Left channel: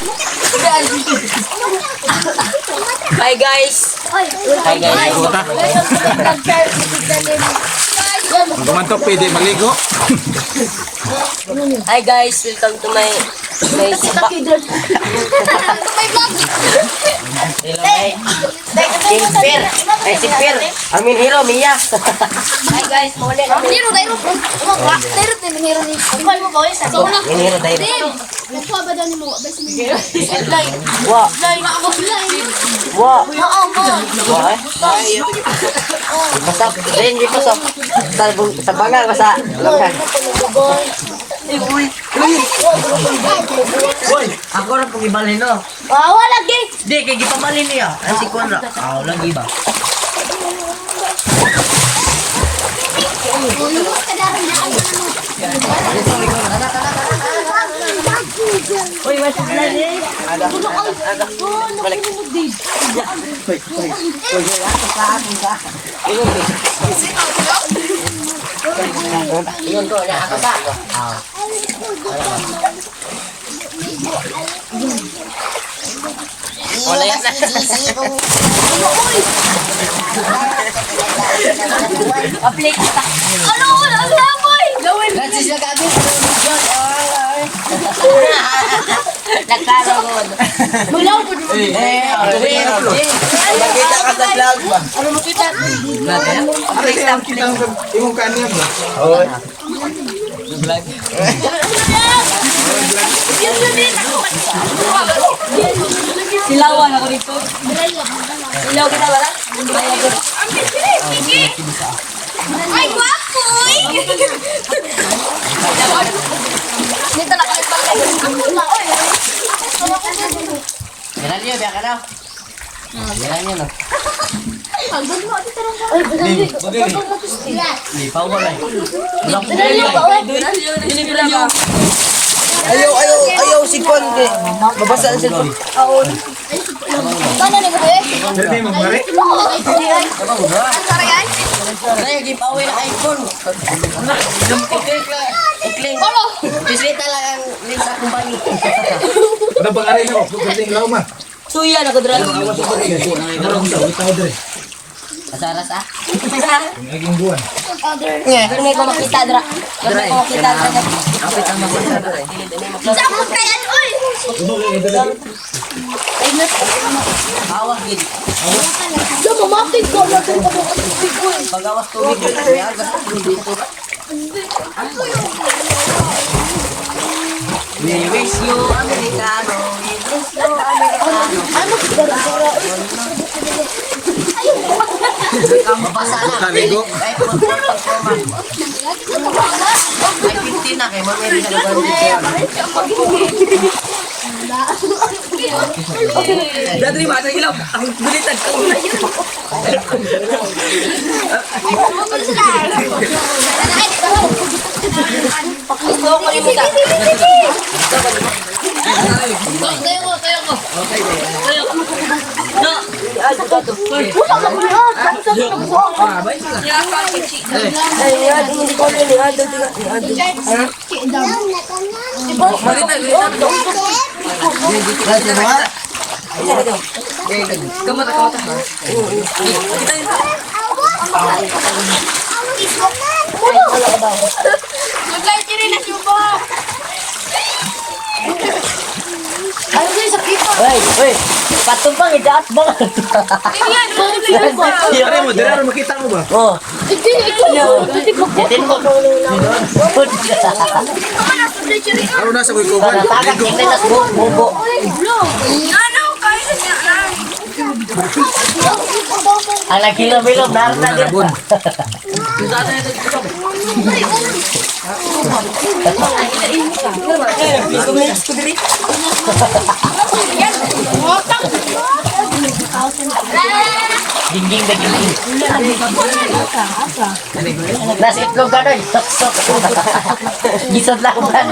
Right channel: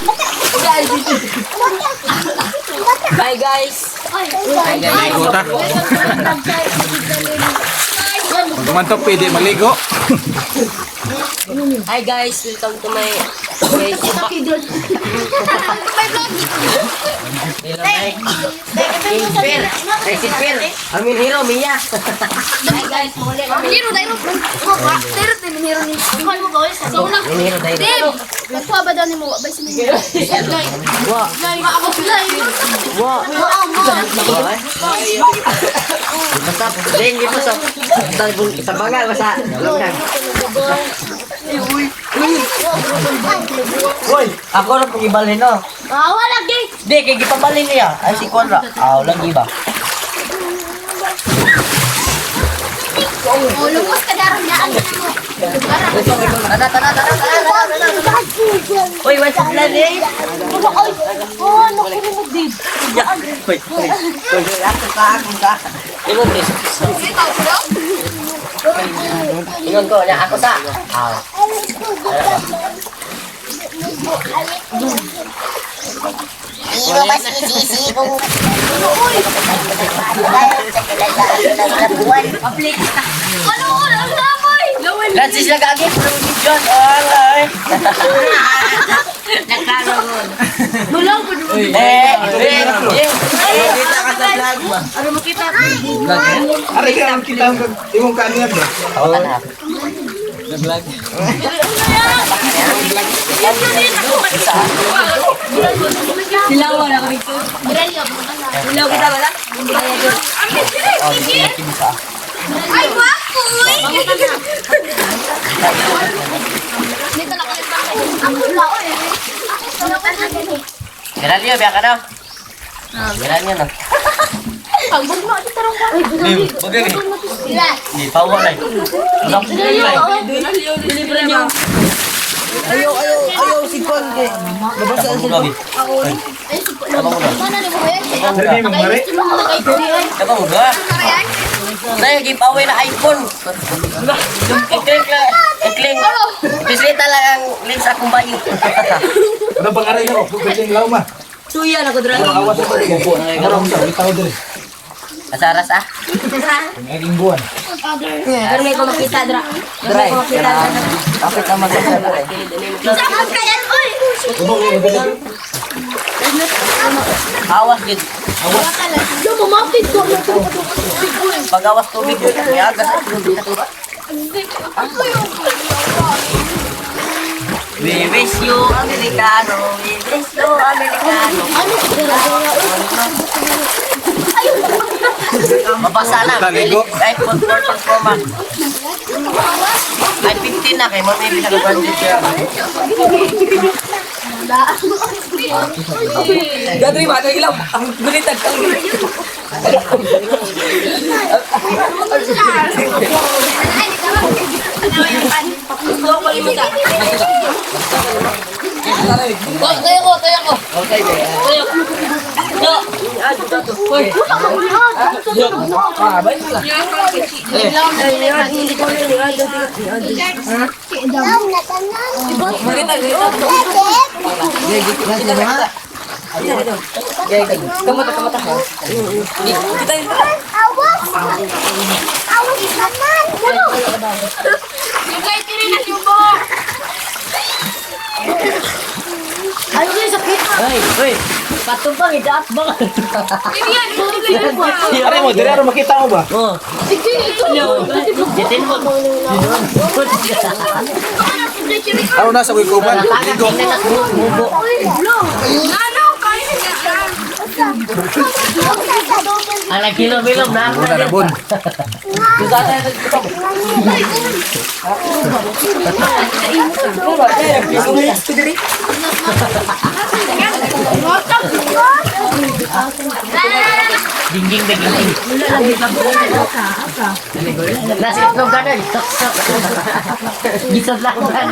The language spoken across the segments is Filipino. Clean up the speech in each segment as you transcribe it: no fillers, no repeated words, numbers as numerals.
Hi guys. Hi guys. Maligo ta. Pag kumantok, pwede maligo. Hi guys, welcome to my spa. Hey, Sipir. Amin hero, Mia. Hi guys, muli. Miniro tayo. Miniro tayo, miniro ni. Kumpal mo ba ulit? So na. Miniro tayo. Nakuha ba daw ni mo? Abay si Miniro. Lari ba ako lari? Wow. Masap. Din dito sa bangal masa. Langkan. Uy, ako na pong ibalhin no. Awa lagi. Di, kaya gipabalhin niya. Ay, si Konra. Lagi ba? Lumos ka daw niya. Ikaw. Tana. Uy, wait pa na din. Oh, naku din. Uy. Iyon ko, na ako sa. Ano lamoy? Francis na kagit. John, ay. Nakaro ko. Bulang po mo. Kita ka sa vlog ba? Ano mo kita? Vlog yan? Aray kaya ang kita ang imong kanyan ba? Sa vlog. Silawan ako dito. Silaw kita ba lang? Ay, wapo! Dito na kayo sa ako lao eh. Meran niyo, biya ka na. Meran niyo na. Pagbog mo ito tarong. Di, bagay. Di, pawa na. Ayaw si Kon. Babasaan sila. Mana ni mo eh? Pero may magmari. Apa udah? Saya giveaway na iPhone. Ikling. Bisita lang ang lens akong bayi. Ano bang aray na ko? Galing law ma. Suya na ko dra. Awas ako. Garong sa bitaw dire. Asaras ah. Naging buwan. Pero may ko makita dra. Dra. Kapit ang masaya dra. Sama kaya oy. Ano kay ibala? Awas gid. Yo mamapit ko na ko. Pag awas tubig yun, may agas. We wish you Americano. We wish you Americano. Ano gara-gara Mabasa na. Taligo. iPhone 4 performance. Ay 15 na kay mamili sa bandit siya. Dadri ba tayo ilaw? Ang gulitan. Gusto ko rin mo ta. Tayo ko. Tayo. No. Kamu tak ha? Kita yun. Ayo guys, sakit pa. Hoy. Patumpang idaat ba? Ano mo? Dala makita mo ba? Oh. Ditin mo. Ano nasa ko kuban? Ligo. Bubo. Anak kilo-bilog na. Buna na bun. Susah tayo nagkita. Dingding begini. Nasi itlog ka nun. Sok-sok. Gisod lang yan.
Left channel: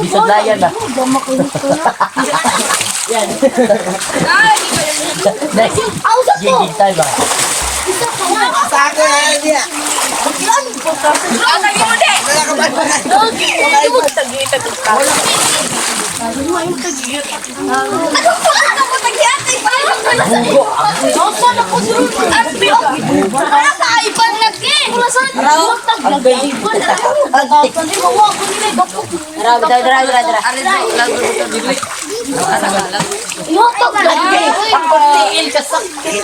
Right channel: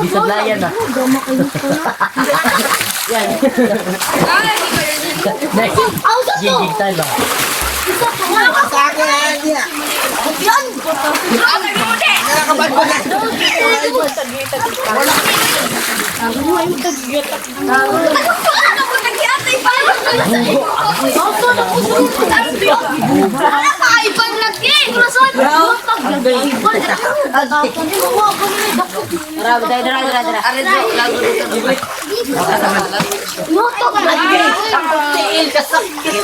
Gisod lang yan ah. Yan. Gigig tayo ba? Sa ako na niya. Yan. mo tagitag. Wala. Ano mo yung tagitag? Ano mo tagitag? Bugo. Ako na ko sunod. Ano ba? Wala ka iban lagi. Wala sa tagitag. Arido, lago dito. Biblik. Yung tagitag. Tiil ka sakit.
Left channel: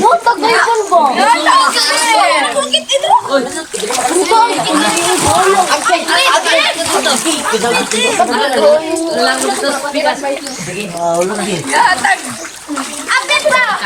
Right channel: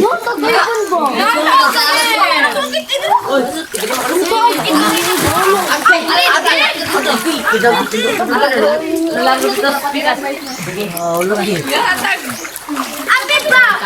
Yung tagitag ba? Oy. Lago dito. Bigas. Ate ba?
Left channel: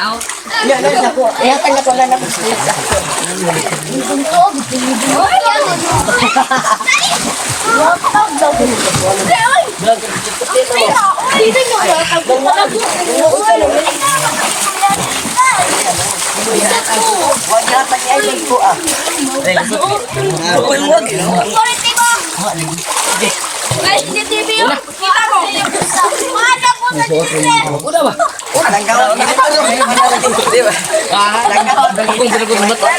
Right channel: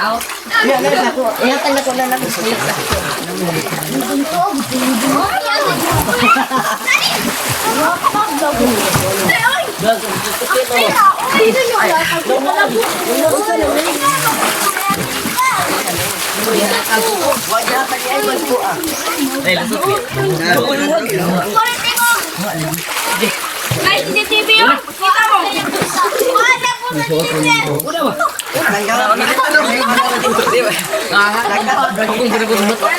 Guys, di TV yun. Kita mo. Ada po sa TV. Udah ba? Kung dragon ba to?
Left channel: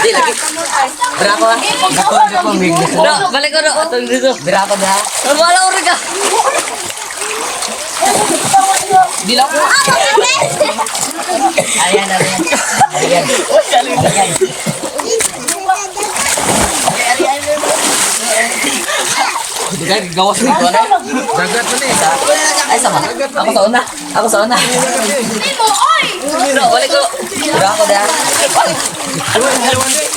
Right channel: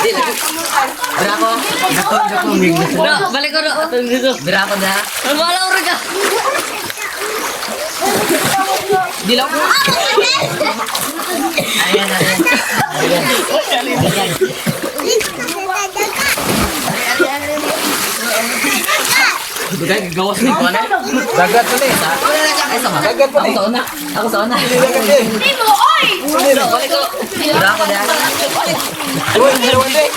Di lagi. Dragon. Balik ko na. Dragon na. Wala uri ka. Dilaw. Ayan. Dugan, gawas mo ko na. Dagat mo eh. Ay, sama. Ako sa una. Hindi mo, oy! Balik ko. Udah ako na. Iwan eh.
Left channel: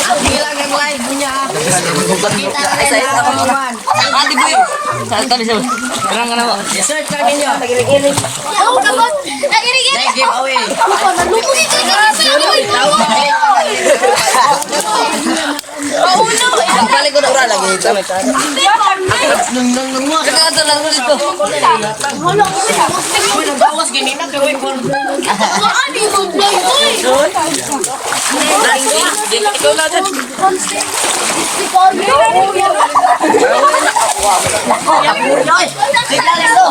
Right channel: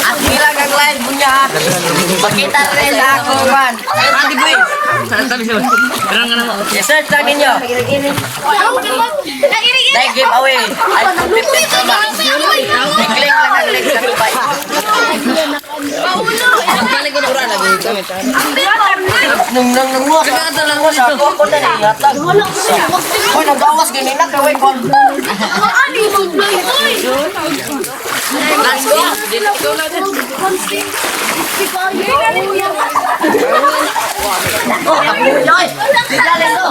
Ang kailangan wala punya. Kita rin ako man. Di boy. Sabi sa. Parang ano. Search lagi niyo. Ayaw naman. Like giveaway. Paulo! Ang balik ko na ura lagi. Nung mo kita ka lang dito. Wala ko sila. Kung nagawas gini na kaway kon. Ano mo blay, oy! Oh, kapuyoy. Tigla lang to.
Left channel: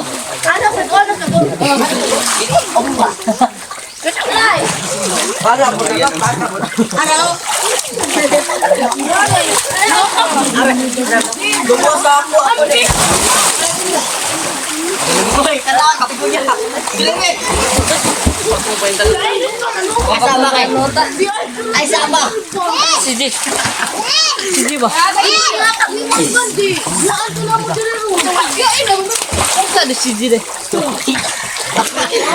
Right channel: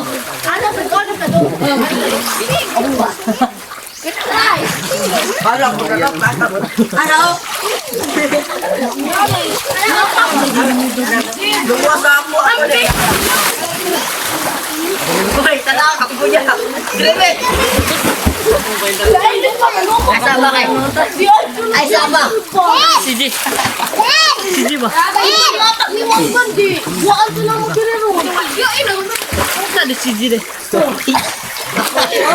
Ano ka doon? Para mo na para mo. Ano? Luwas ako. Uy, tala kapuyoy. Ay, sama kay. Ay, sama. Siji. Siji ba? Kung ka di siji deh.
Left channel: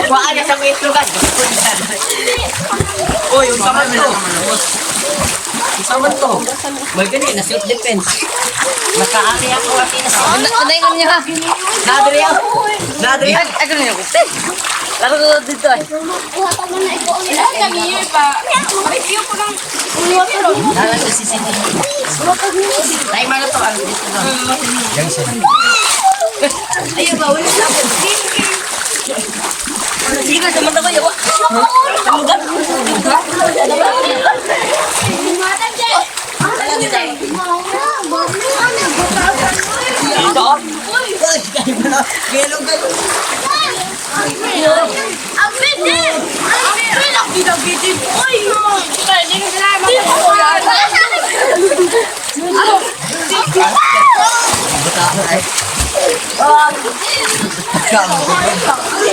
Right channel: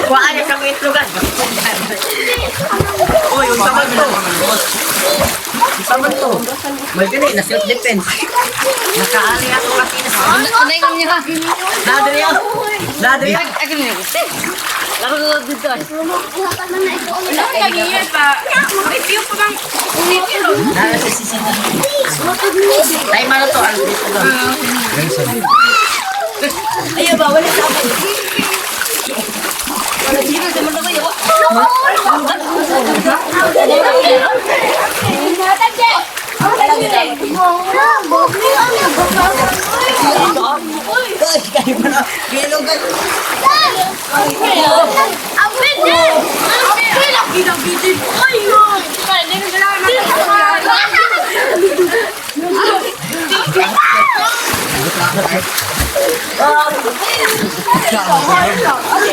Kuha niya sa mga itlogan. Oy, yung sama to. Sama to. May gani na self-defense. Nakaali ako kasi. Ano yung niya ka? Nadri yan. Nadri yan. Ay, ganun yung gusto. Laro ko dito ay. Nara sa sisi na. Tayo man to. Ayaw ba? Wala sa ako. Wala sila sa mga tayo.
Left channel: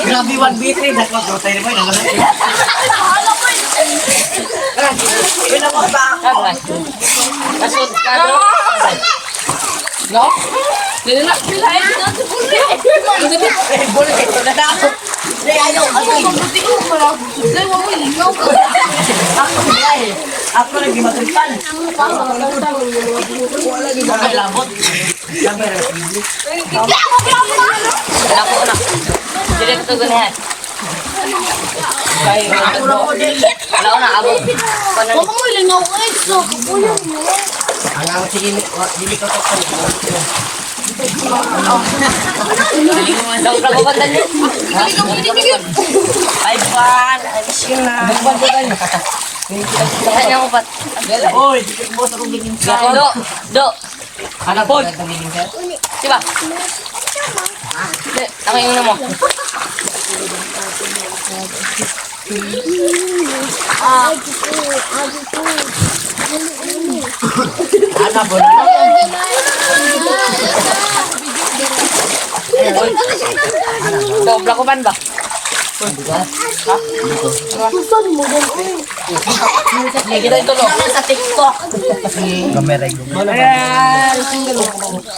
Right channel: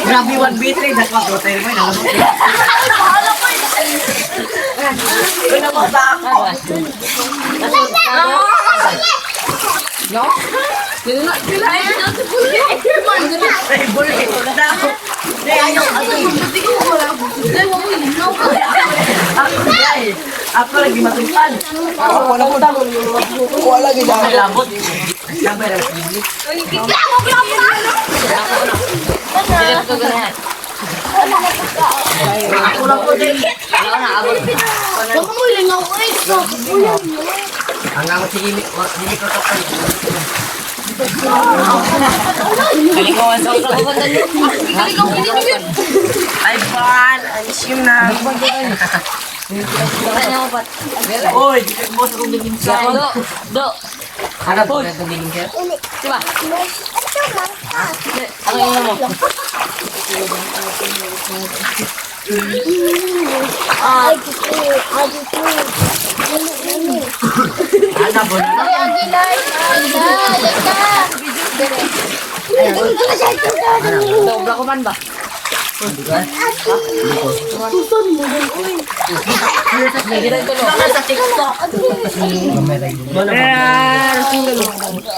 Grabe 1v3 dak mag-rotay mo na lang. Wala mo ba? No? Dili na kilay na sa bullet. Bullet na daw. Ako lagi matulpan. Wala di ba may labot? Sampai na bibli. Direct to ganyan. Ako lang po din. Wala na ako. Baka mo ilang ako eh. So, kapulan mo. Ang ako sige, dili ko to. Kali ko ang daw ko ba dali? Kali ka mo kinigil. Ay ban, alis yun na. Kanya ko pat. Oy, dito mo sa kong giging sa. Do. Ana po sa giging ka. Diba? Ano yung mo? Ana bola na. Sobra ko man ba? Hindi ko. Kita ito naman sa TikTok. Gameray.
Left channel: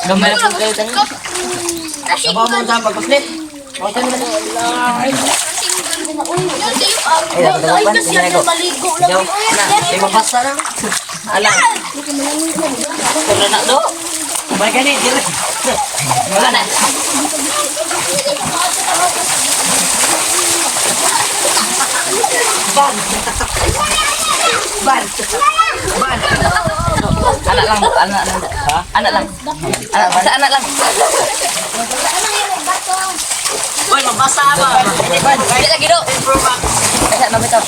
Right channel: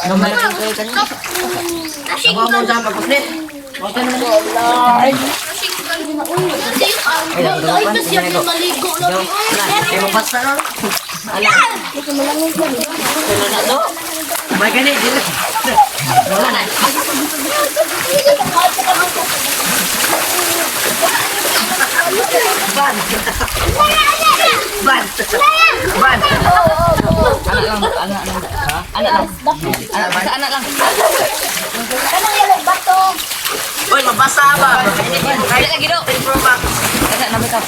Gameray kayo tayo. Sabaw mo sa pagpuslit. Okay naman. Ay, kasi yan maligo lang. Kaya mabasa lang. Alam. Wala na do. Bay ganit, di ba? Wala na. Ban. Ban. Ban. Anak lang, anak lang. Ha? Anak lang. Basta anak lang. Uy, mabasa ba? Kaya lagi do. Pro Max. Kaya na bitaw.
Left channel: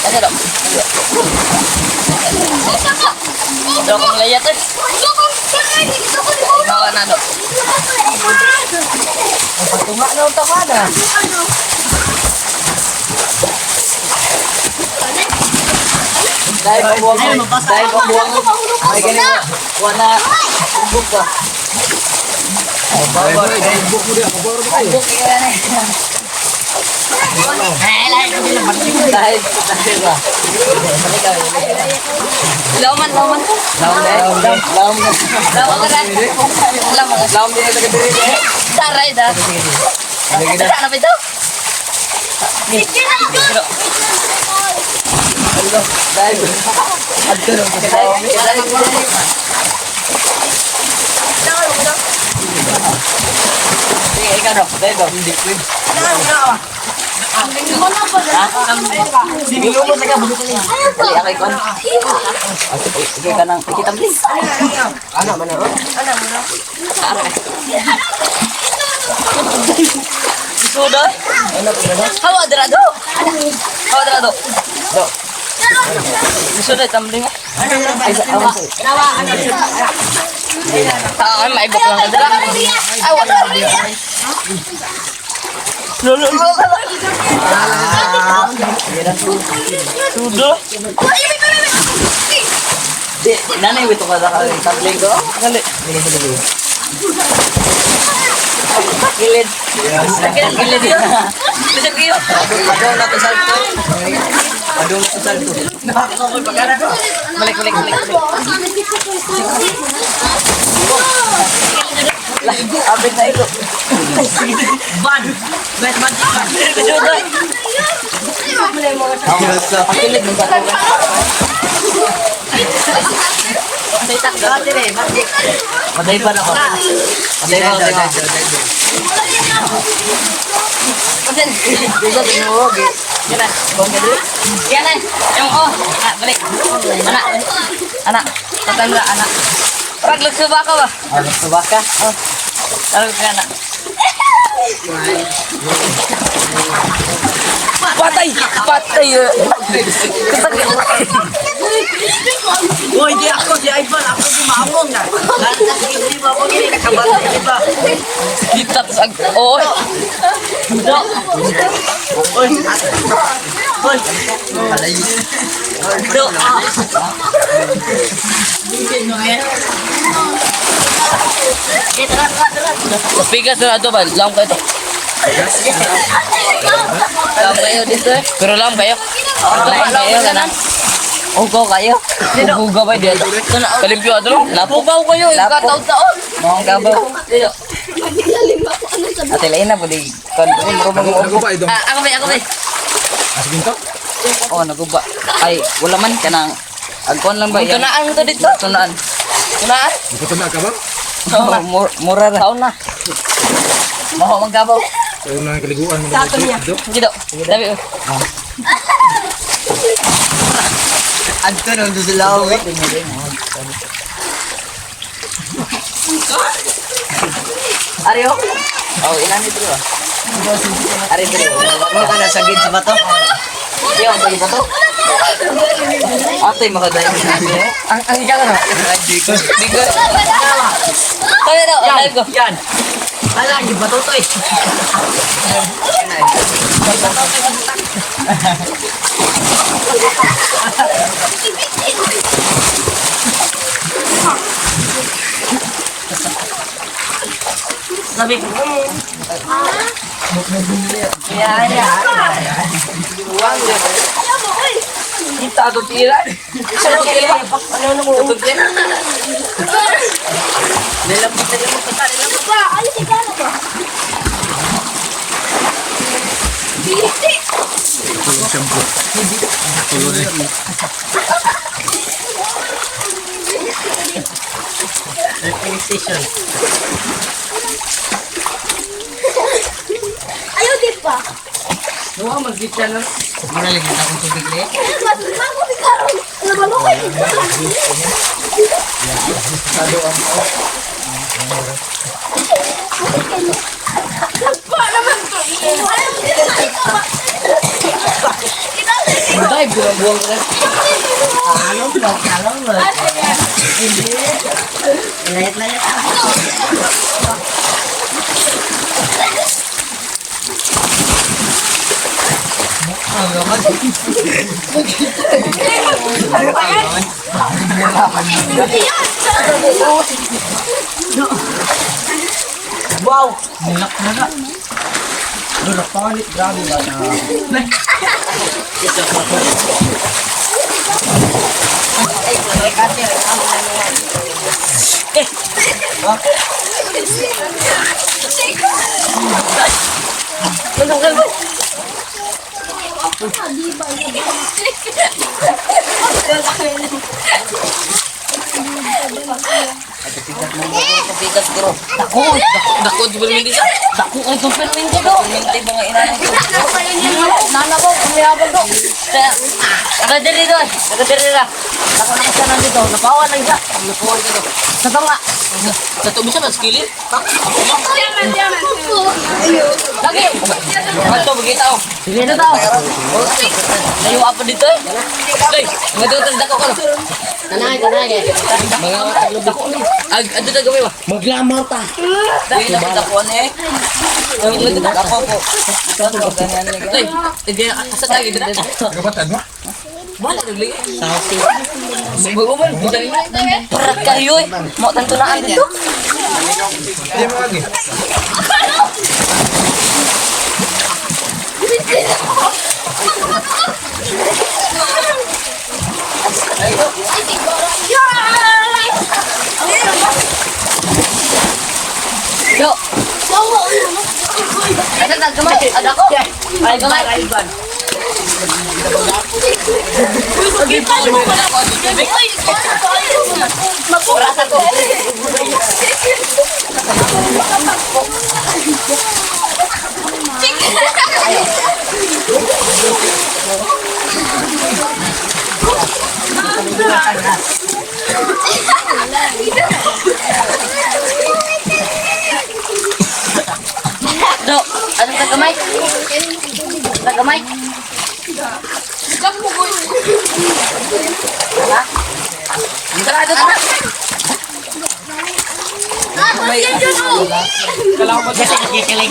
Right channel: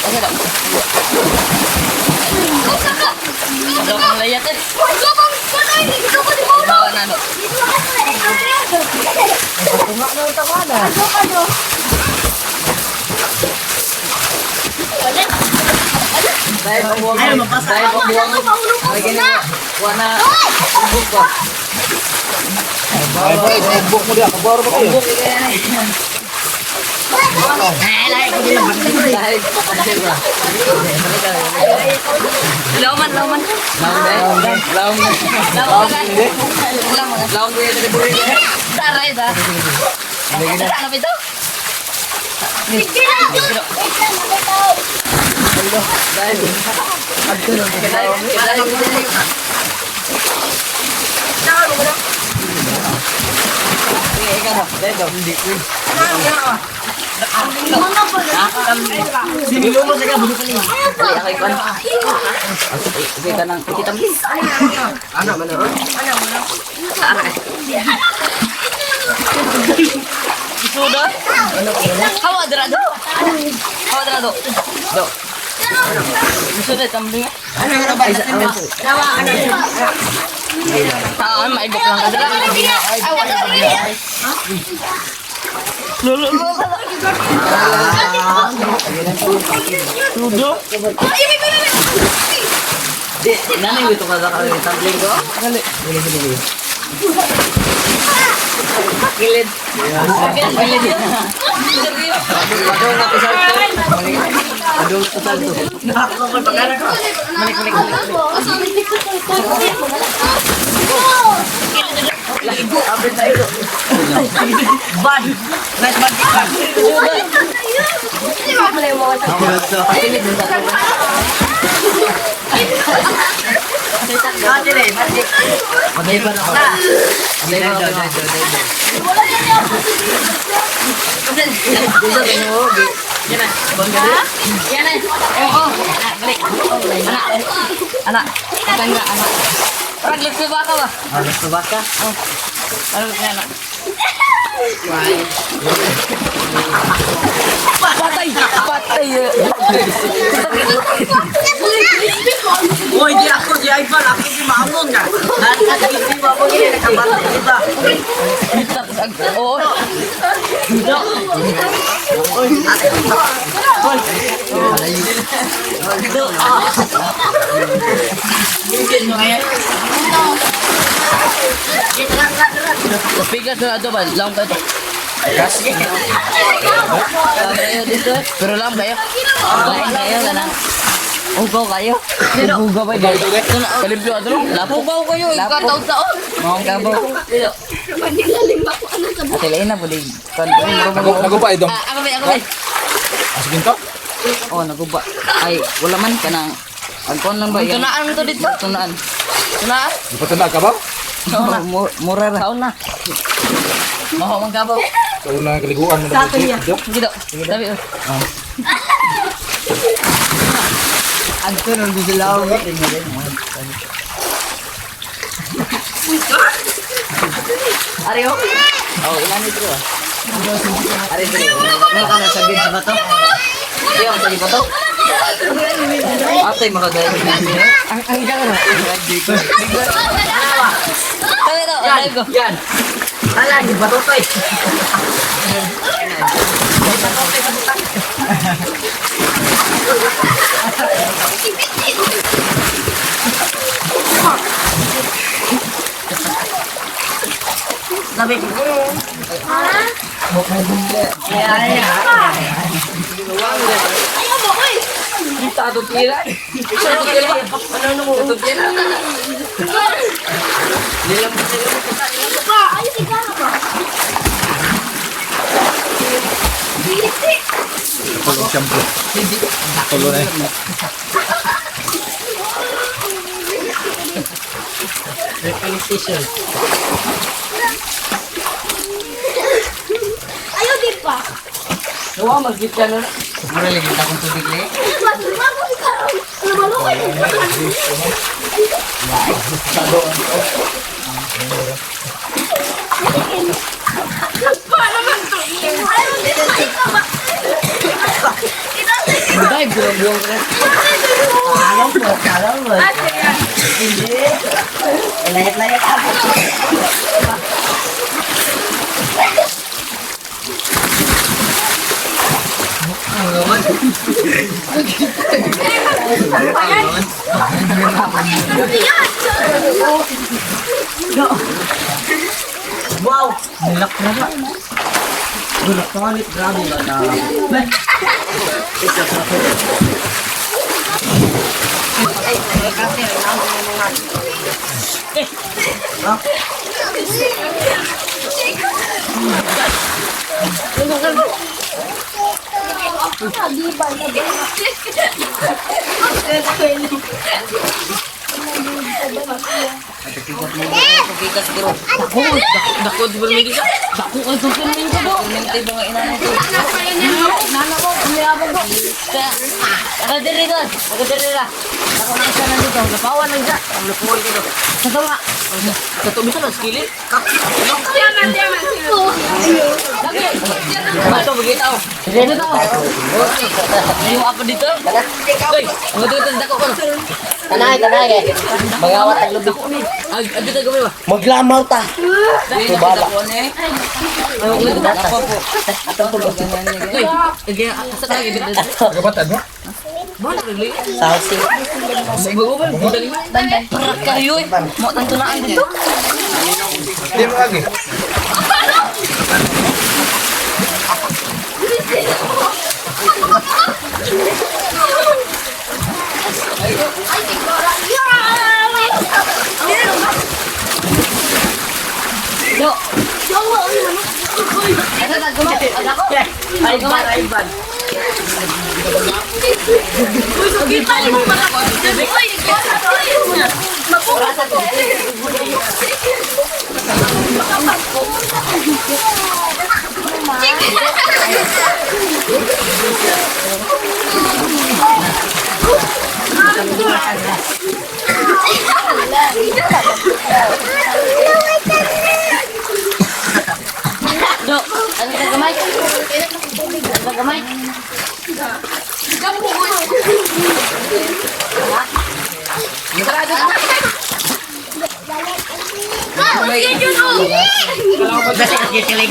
Kaya do. Dok ang layat eh. Bawa na do. Imak na utang mana? Dahil pambuang Ano, mabasa? Dahil pambuang Ay ganyan. Wana. Buk ba? Ay boy, buk mo dia, kabaro ba kayo? Buk kaya na eh. Dahil ba? Lauman. Laum eh. Laum. Laum dia taga diri. Daray da. Ada na bitaw. Dahil. Ikaw na, dahil ba? Hindi. Sige mo sa ka. Dali akay kon. Sige ka nang ikitamli. Ano man na? Ara. Sudot. Hawa drado. Hawa drado. Do. Sudot tamli nga. Ay sa awan. Ah, may bok lang kadra. Lolo. Nanay wito kada ka rin tabling ko. Dali. Gilid. Gilid. Balik. Abit na ito. Ban. Ban. Mulai mo sa pilit mo sa Kati rin, batik. Patay pa na ako. Patay pa. Pasan, gusto tinuwag eh. Yan na, buwan ka dito. Yan na, balik. Anak, patay mo anak. Parang lagsuba ka ba? Lagsuba ka? Oo. Parang ka anak. Patay. Uy, di ako si Ivan, ako si Maamon ka. Lahat na sa hindi mo ako gini nakabante, di ba? Hitat sa... Oo. Pigas na ito ba? Lang ka ito. Lang kayo dito. Pero lang kayo. Lang kayo ka na. Ugaw kayo. Ugaw ba dito? Kalimpyo ato lang. Ugaw kayo. Ikataon-taon. Mga gabaw. Ate lain na po di. Nagupa idong. Ako ba? Asbin to? Oo, naguba. Ay, wala man ka nang... Agkuhan lang ba yan? Tunaan to dito. Tunaan. Ipatanda ka ba? Mura na. Taon na. Maho mang gabaw. So na kaliguan mo na. Dito. Dabi. Anto nung doon sila uwi. Ariyo. Oh, ilan dito. Ari dito. Ano ka na sagid sa bato? Yo, dali ba to? Atay makadaya. Ang igala na. Dito. Tayo daw, live ko. Yan. Halagi bato to eh. Sabi ko, Ayaw mo, oy! Kita to tira. ano mo? Tutugyan na. Nilabot na yung mga Ba, ayaw si Gana ba? Hindi. Tulong shampoo. Tulo na eh. PlayStation. Ayaw din pa. Nawa magkit ka na. Mura lagi akong tubig le. Matulang ko si Karo. Namalukay. Para naman to. Ayaw din pa. Buday, bulang-bulang ka na. Alam mo. Hindi. Layat-layat ako. Wow! Nilak na na. Nilak pa ulit. Grabe ba na? Isa pa. Dako di ba hindi siya? Dako ay super min ko do. Minti ba nga inanay ko? Nana ko, kumiyabag ko. Ada diri doon. Ada diri ra. Ako na isa na dito. Napawan lang siya. Napuwan ko doon. Sa tawa. Sa to bisa na skillet. Lagi. Ato bagitaw. Sige na tao. Layo apa dito eh? Hey, ngadto dako ko. Tanay. Mga watag lubik. Adto ta gawin ba? Maglamaw ta. Dito dako ne. Ay mo dito dako po. Hey, ige asa lagi dito. Tagabatad mo? Mana lagi? Sausi. Sigo ba? Berat kayo eh. Mau tentulaan dito. Hindi mo lagi. Yo. Ada tak gemuk? Ada apa? Aiban. Yo, ada tak gemai? Tak gemai? Ada anak. Kalau ko sa kikilig.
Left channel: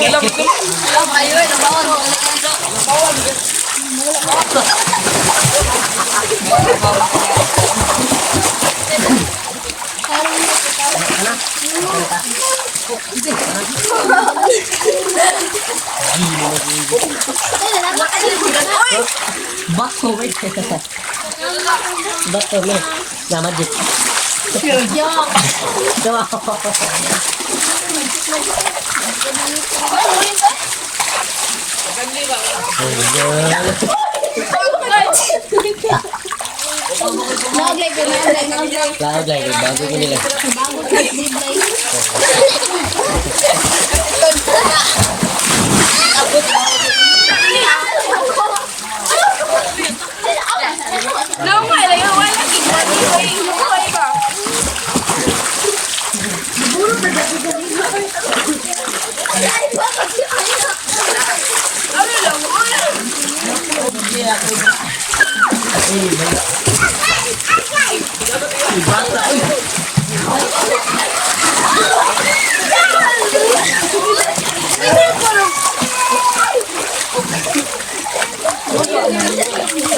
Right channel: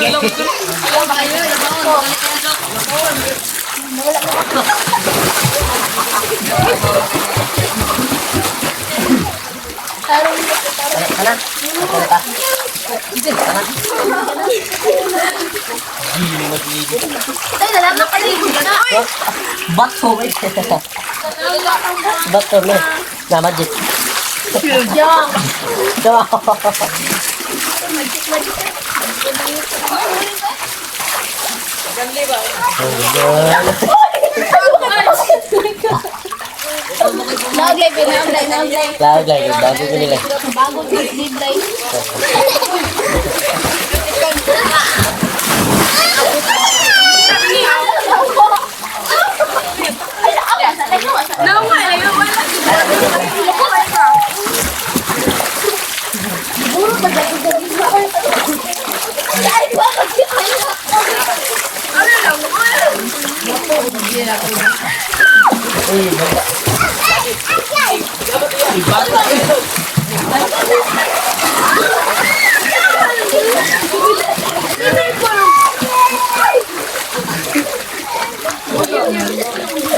Bato. Bato le. Nama jit. Lagi bago ko nila.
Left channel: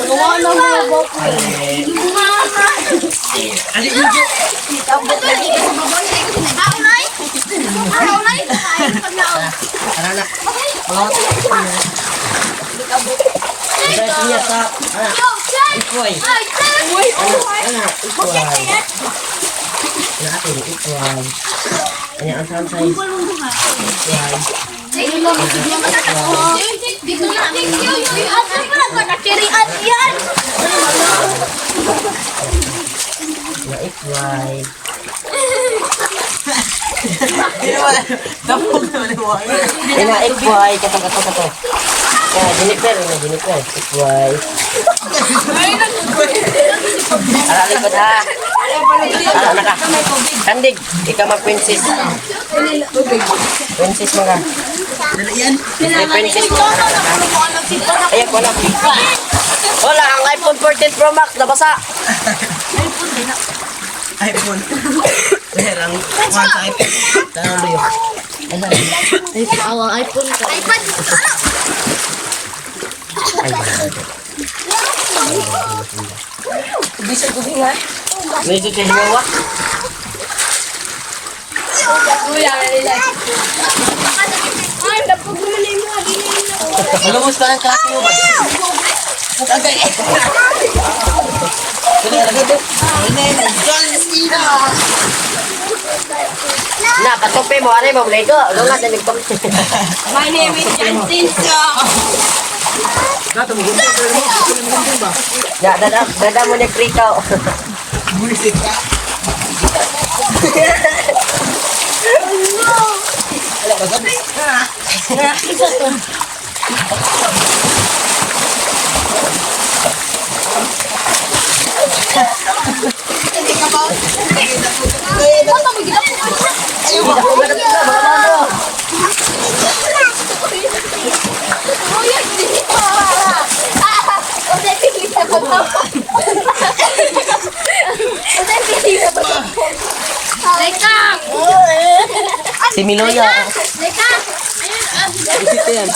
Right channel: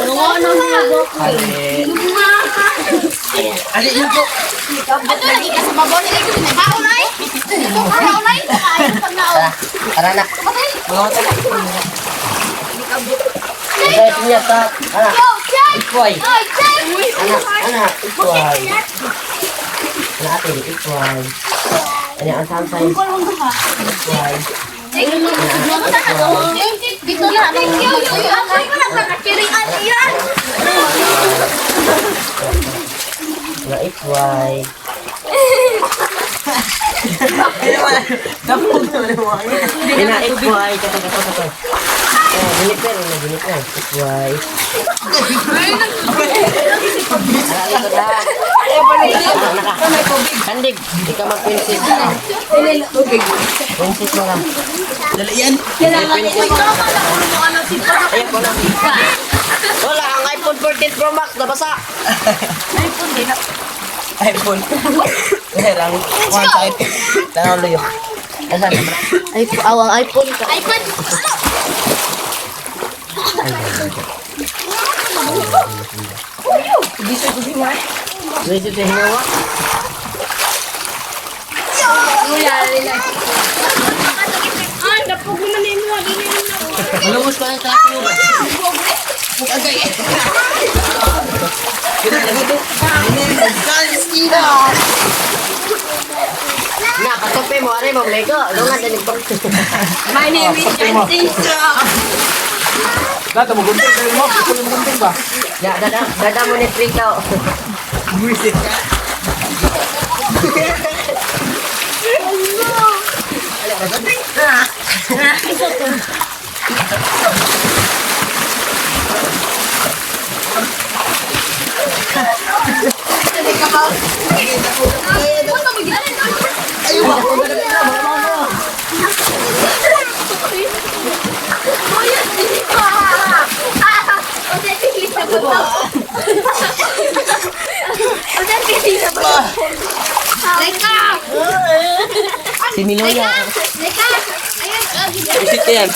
Wala mo Ali Ujo. Ato lagi ka sa babon ni. Haunay. Haunay. Ana na. Mga wata. Dahil niya sa ana. Yo, check. Ikoy. Ay, check. Ana, ikoy. Natin ikoy. Ano ang sound size? Ikoy. Na ikoy. Na ikoy. Kata. Biniper. Ikoy. Kandig, ikaw mag-princess. Princess mo na. Dala yan. Princess. Ayan ko na. Wala, ang iPhone 14 Pro Max, nabasa. iPhone. Kaya lang. One type. Kaya ang luyo. Ang iPhone ko. iPad. Bisa ko din nga. Medyo tinawa. Ay, dapog mo na mo. Malumos pa ng klase mo ba? Okay. Na, patupi mo, are mo, Lego. Lungan na nagtupi. My name is Francisco. Nato mo gunting pero mo, kunin mo gunting ba? Ya, dada mo ni Prikaw. Music. Leka! Si Miloya. Leka! Ayun, Isitin.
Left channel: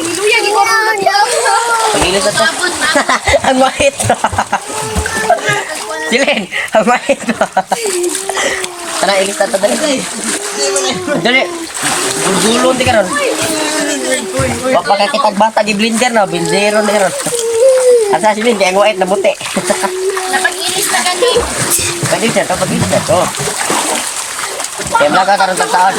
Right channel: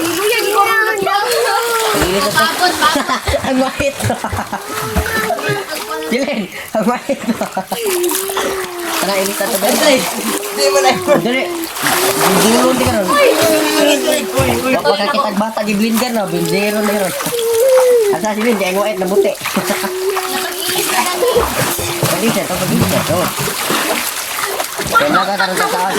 Luya, gito na. Pagilid na Tapos, Ang mahit. Silin, ang mahit. Tara, ilis na ito dali. Dali. Dulong di ka ron. Wag makakitag bata di blender na. Blendero na ron. At sa silin, kaya ang white na buti. napag-inis na gani. Pwede siya, ito pag-ilis na ito. Kaya nakakaroon sa taon.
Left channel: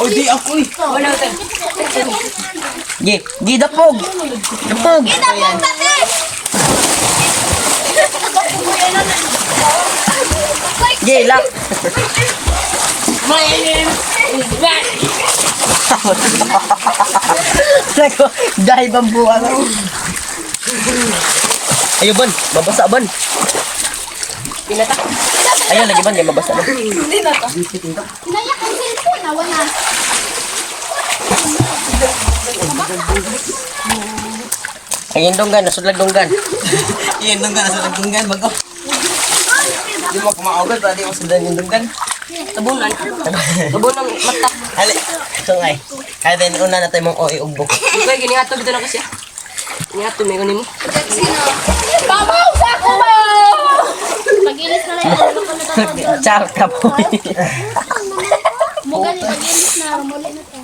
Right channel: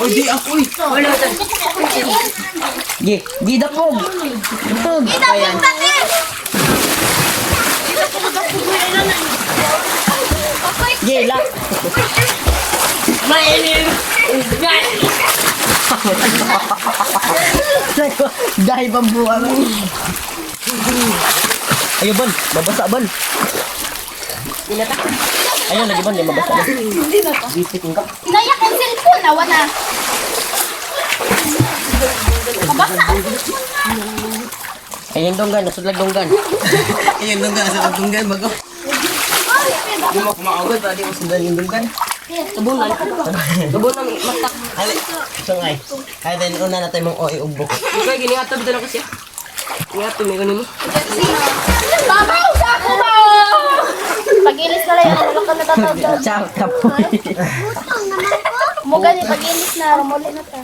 O di ako eh. Gi, dapog. Dapog. Tapos natin! Gi, lang. Dahil bambuan. Ayun, Ban. Mabasa, Ban. Ayun, lagi, Ban. Yung mabasa, Ban. Gisiting ka. Inayak ang cellphone, nawa na. Ayun, donggan. Nasudlag donggan. Iyan nung ka nasa tunggan bago. Di mo kumaagod, pwede mo sundan yung dunggan. Tabunan. Tabunan. Mata. Ali. Sungay. Kaya din una na tayo mong umbok. Ikaw, gini nga ito. Dito na kasi. Ingat, tumingon mo. Mamaw sa ako ba? Pag-ilis na lang, ano ka natatawag? Char ka po. Muga ni pag-ilis na, muli na to.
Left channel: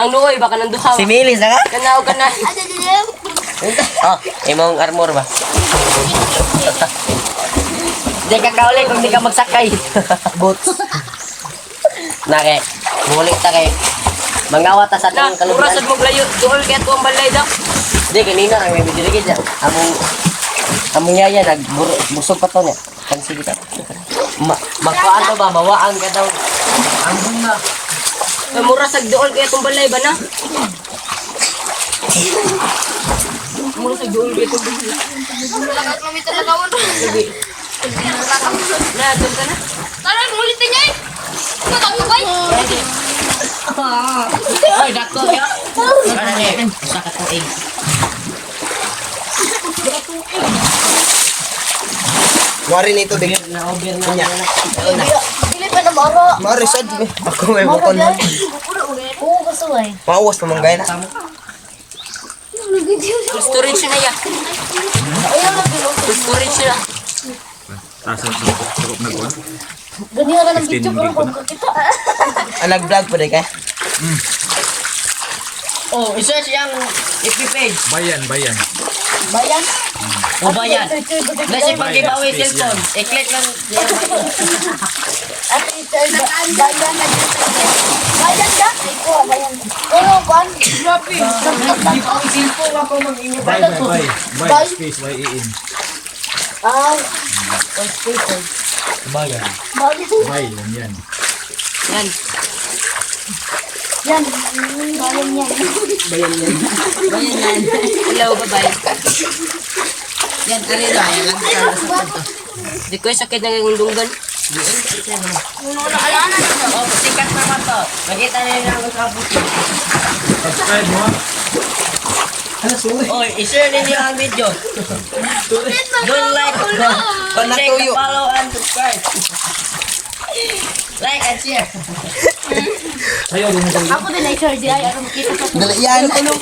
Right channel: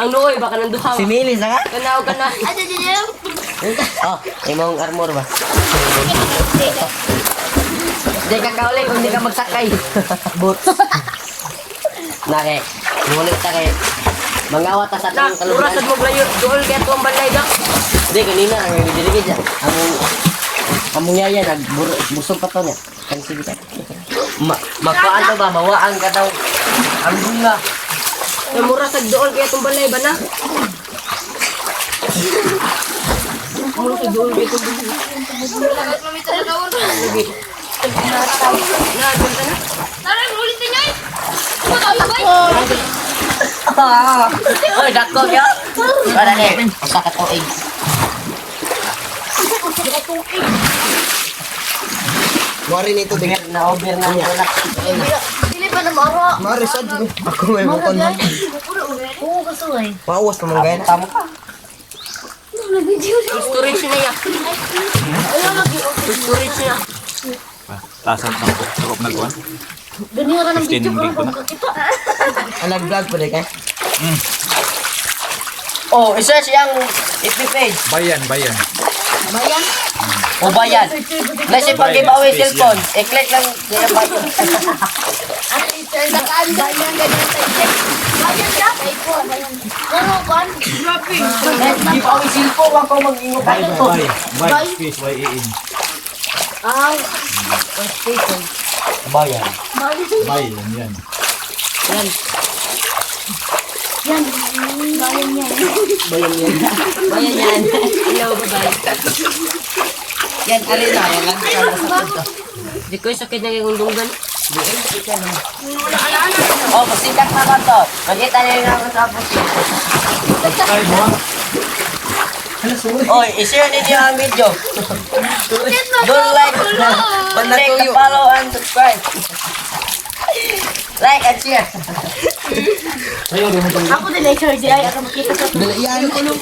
Ang lukoy, baka nanduhaw. Si Milis na nga? Kanaw ka na. Ate, dito. Oh, imong armor ba? Di ka kaulit kung di ka magsakay. Boots. Nake, ngulit ta kayo. Mangawa ta sa atong kalubuan. Mura sa paglayo, doon kaya itong balay daw. Di, kanina ang may diligid dyan. Among yaya, nagbusog pa to niya. Kansi kita. Magkuhaan to ba, mawaan ka daw. Ang bunga. Mura sa doon kaya itong balay ba na? Mura sa doon kaya itong balay. Tara, ulit na niya eh. Oy, dako ya. Wala ni. Usa ka tuig. Mari nito din. Na over na niya. Dili pa na maro. Mari sad. Ako may mukon. eh. Mauwas pa mong gaya na. Storage na yan. Storage na. Tasan sa tukop na kuwan. Ganyan ka ng 15 video gig ko ko na. Nag-vlog pa rin ka? Oh, isa siyang FB page. Bayan. Bayan. O bayan. Nasa pang giveaway Space cellphone. I-click lang. At ito ay bayan na dito. Bayan ka? Ano ba? Shopping. Giveaway cellphone. Wag ko mag-ingo. Bay. Space Y-E-N. Ah, Bayan. bayan. Bay lang yan. Yan. Yan. Bayan yan. Bayan yan. Bayan yan. Hello, bye-bye. Yan, ari na. Yan lang sa punto. Di ko yung sakit ng yung lunggan. Di ko yung sakit na. Oh, sikat pa ba to? Magkita na yung nakapos. Subscribe mo. Oh, i-share ninyo ang video. Don't like, Panatuyo. follow and subscribe. Like and share. Ayaw, di mo tayo. Ako din ay sure di ay ako makita sa to. Yan. Bayan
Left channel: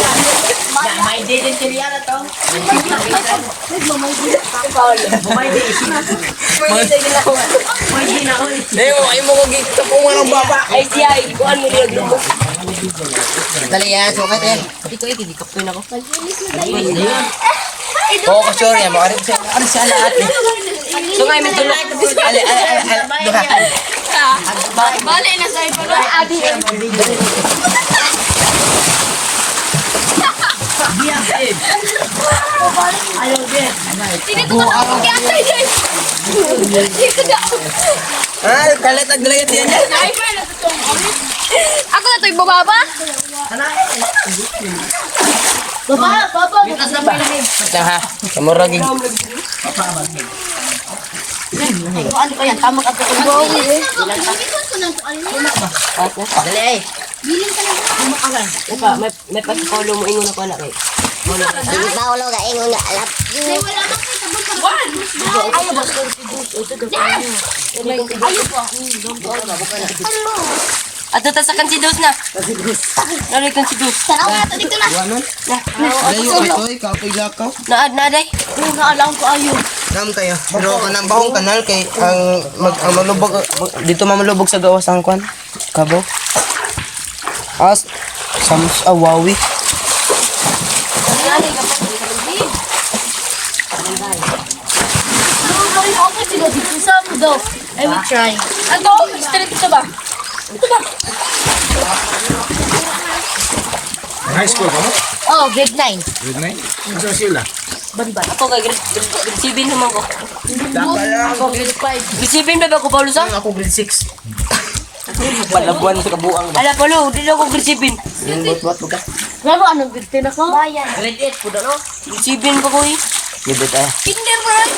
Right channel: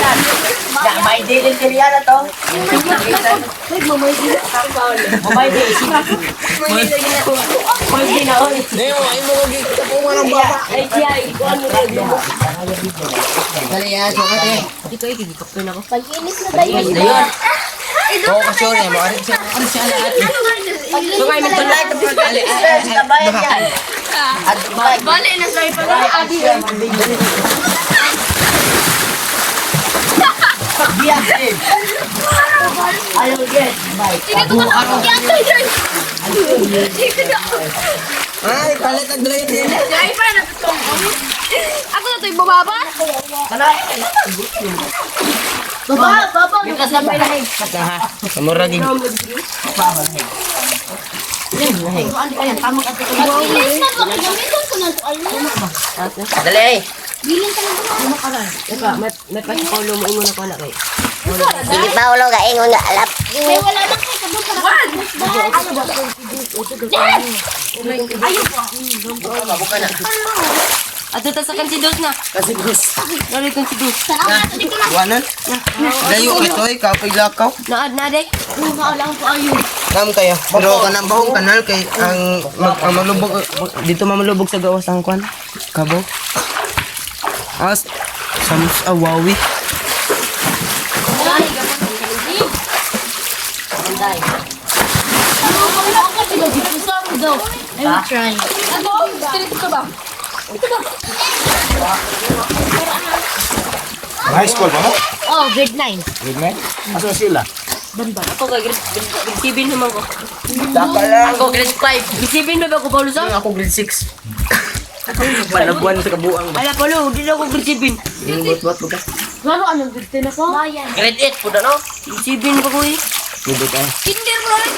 yan. May din siya na to. May mamay din. May din. May din na on. Ay mo kong gig. Kung walang baba. Ay siya, ikuan mo yun. Dali yan. Sukat eh. Hindi ko ikikikap ko na ako. Pag-inis na tayo. Ayun na yun. Oo, sorry. Makarin siya. Ano siya na ate? So ngayon, may tulad. Bayan yan. Bale na sa ipa. Abi. Ayaw, yes. Dito ko na ako kiyatay dai. Dito ka. Ay, kalit ang dali yan. Sniper na to. Ako na to ibababa. Baba. Bukas na ba ilahig? Ha? Kamura din. Ano pa yan? Tama ka to. Mag-inis na to. Gamitin ko na to. Dali ay. Biling ka lang. Eka, may pasipolo mo ingon ako na kayo. Hindi ba ulo ka ingon nga alap? May wala bang kasabot ka. Ayaw ba? Ayaw po. Ano? At tatasakan si Dos na. Nalitan si Dos. Tanaw na ito. Dito na. Wanan. Dayo ito ay kapay lakaw. Naad na day. Huwag na alam ko ayaw. Nam kaya. Pero kanang bahong kanal kay ang maglubog dito mamalubog sa gawas ang kwan. Kabo. As Sams awawi. I will try. Ano? Straight ito ba? High school ba mo? Oh, grade 9. Grade 9? Asa sila? Banban. Ako ka grade 7 naman ko. Dapat lang. Ako grade 5. Grade 7 na ba ako Paulo sa? Ako grade 6. Palabuan sa kabuang ba? Ala Paulo, di na ako grade 7. Yung bot ka. Lalo, anong grade 10 ako? Bayan. Grade 8 po na no? Grade 7 ko ko eh. Bibot ay. Kinder ko rin.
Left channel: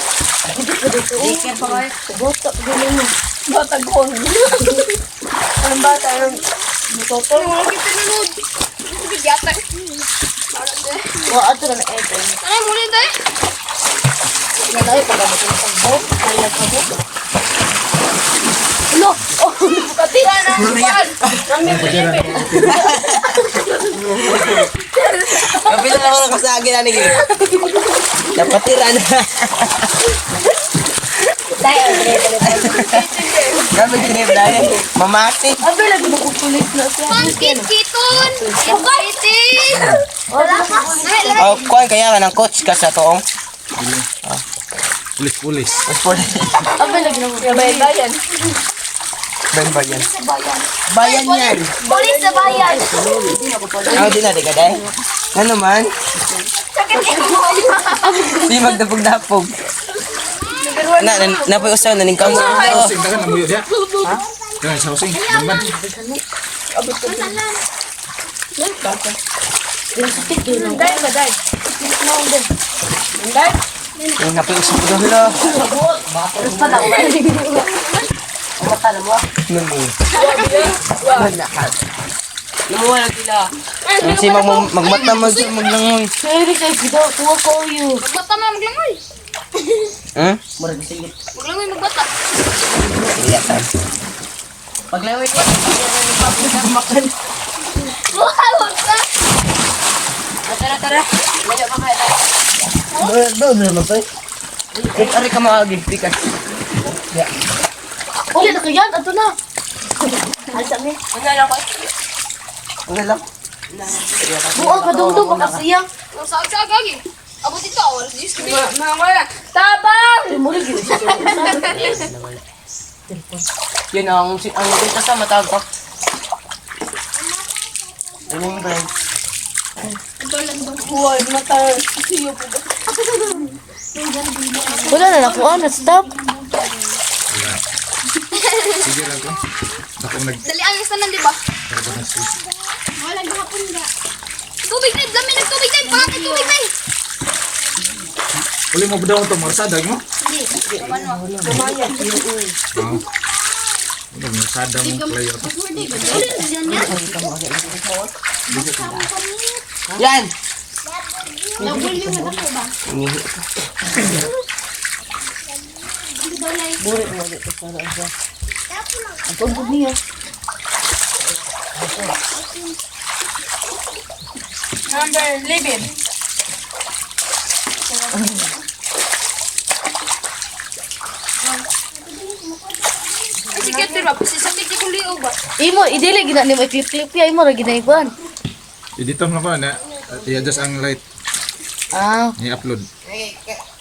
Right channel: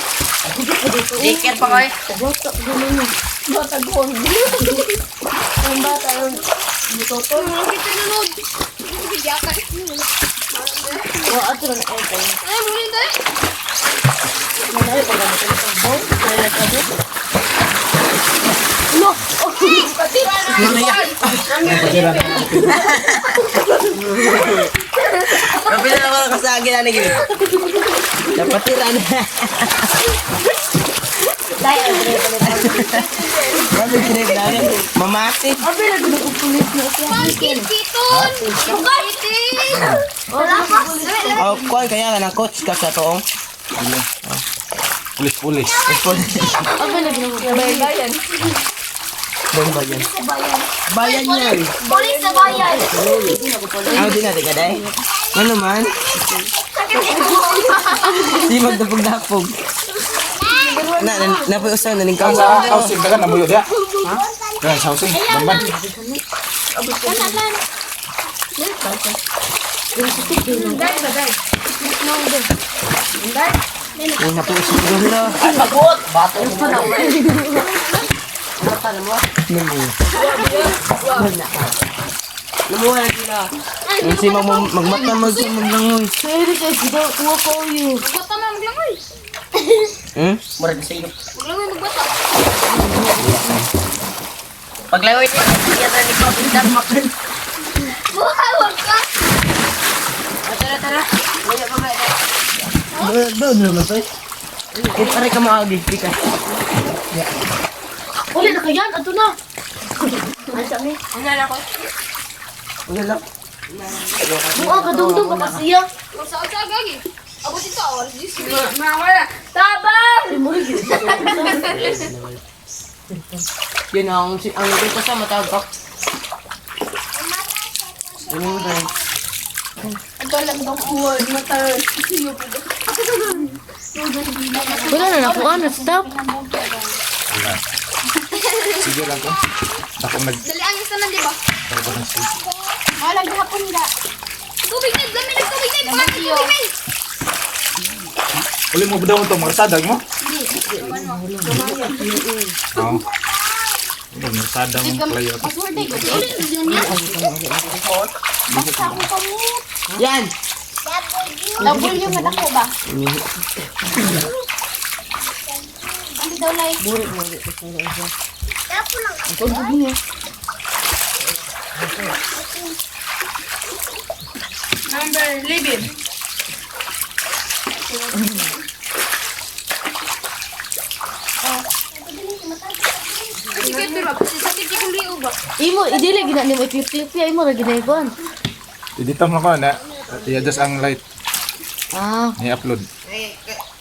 Ticket pa ko eh. Bata ko. Ang bata, anong... Toto. Lagi pinanood. Bigyan. Oh, ato na na-aircon. Ay, muli tayo. Yan ay, pag-amatay sa bot. No! Oh, pati na. Kapit na ako nakasagi na naging. Napatira na. Grabe kinip na yun. Mamati. Abi, lagi na kukulit na ako. Pankit, kiton! Kitin! Wala ka. Oh, kuhan kaya nga ng coach ka sa toong. Pulis. Abi, lagi na kukulit. Bayan. Bayan. Bayan yan. Polis sa bayan. Ano din na, di ka day? Ano man? Di magdapog-dapog. Napoy usaw na ning Ang kaon sa housing, dagan na mo yun, ya? Ha? Dagan sa housing, damban. Ay, napoy usaw ko dito. Imuha lang sila. Kasi magmata maglangoy. Sorry kayo, sigaw. Kuha ko yun. Bata na maglangoy. Hmm? Murag sa iyo. Maglangoy magbata. Paglaway ko, yan na ni Papo na makan. Wag ka. Tara. Wala ka ba? Doon naman to. Pare ka maagi, pikas. Uli na kayan, ato na. Asa me? Wala lang. Buo ka dungdung baka siya. Saan gagi? Abot ito, wala dis. Wala. Tabang. Muli gid. Yun ang dito sa matawag pa. Ano yung brand? Ang talang bang uwad mata. Wala na ako ano stop. Sige lang ko. Ako nag... Dali alas na lang, di ba? Para pa nag Wala gahapon nga. Tubig na, dami ng tubig na, pangat ng tubig na. Uli mo ba daw ito? Marasada mo? Oo. Ano, marasada mong playo ito. Yan! Labol yung madako ba? Ano daw lay? Tubig niya. Number 11. Sige, di ba? Pasisipit ko liog ba? Imo idili gina ni mo 50 imo ra ginaiban. Edito mo ko na. I-adjust ang light. Ah, I-upload.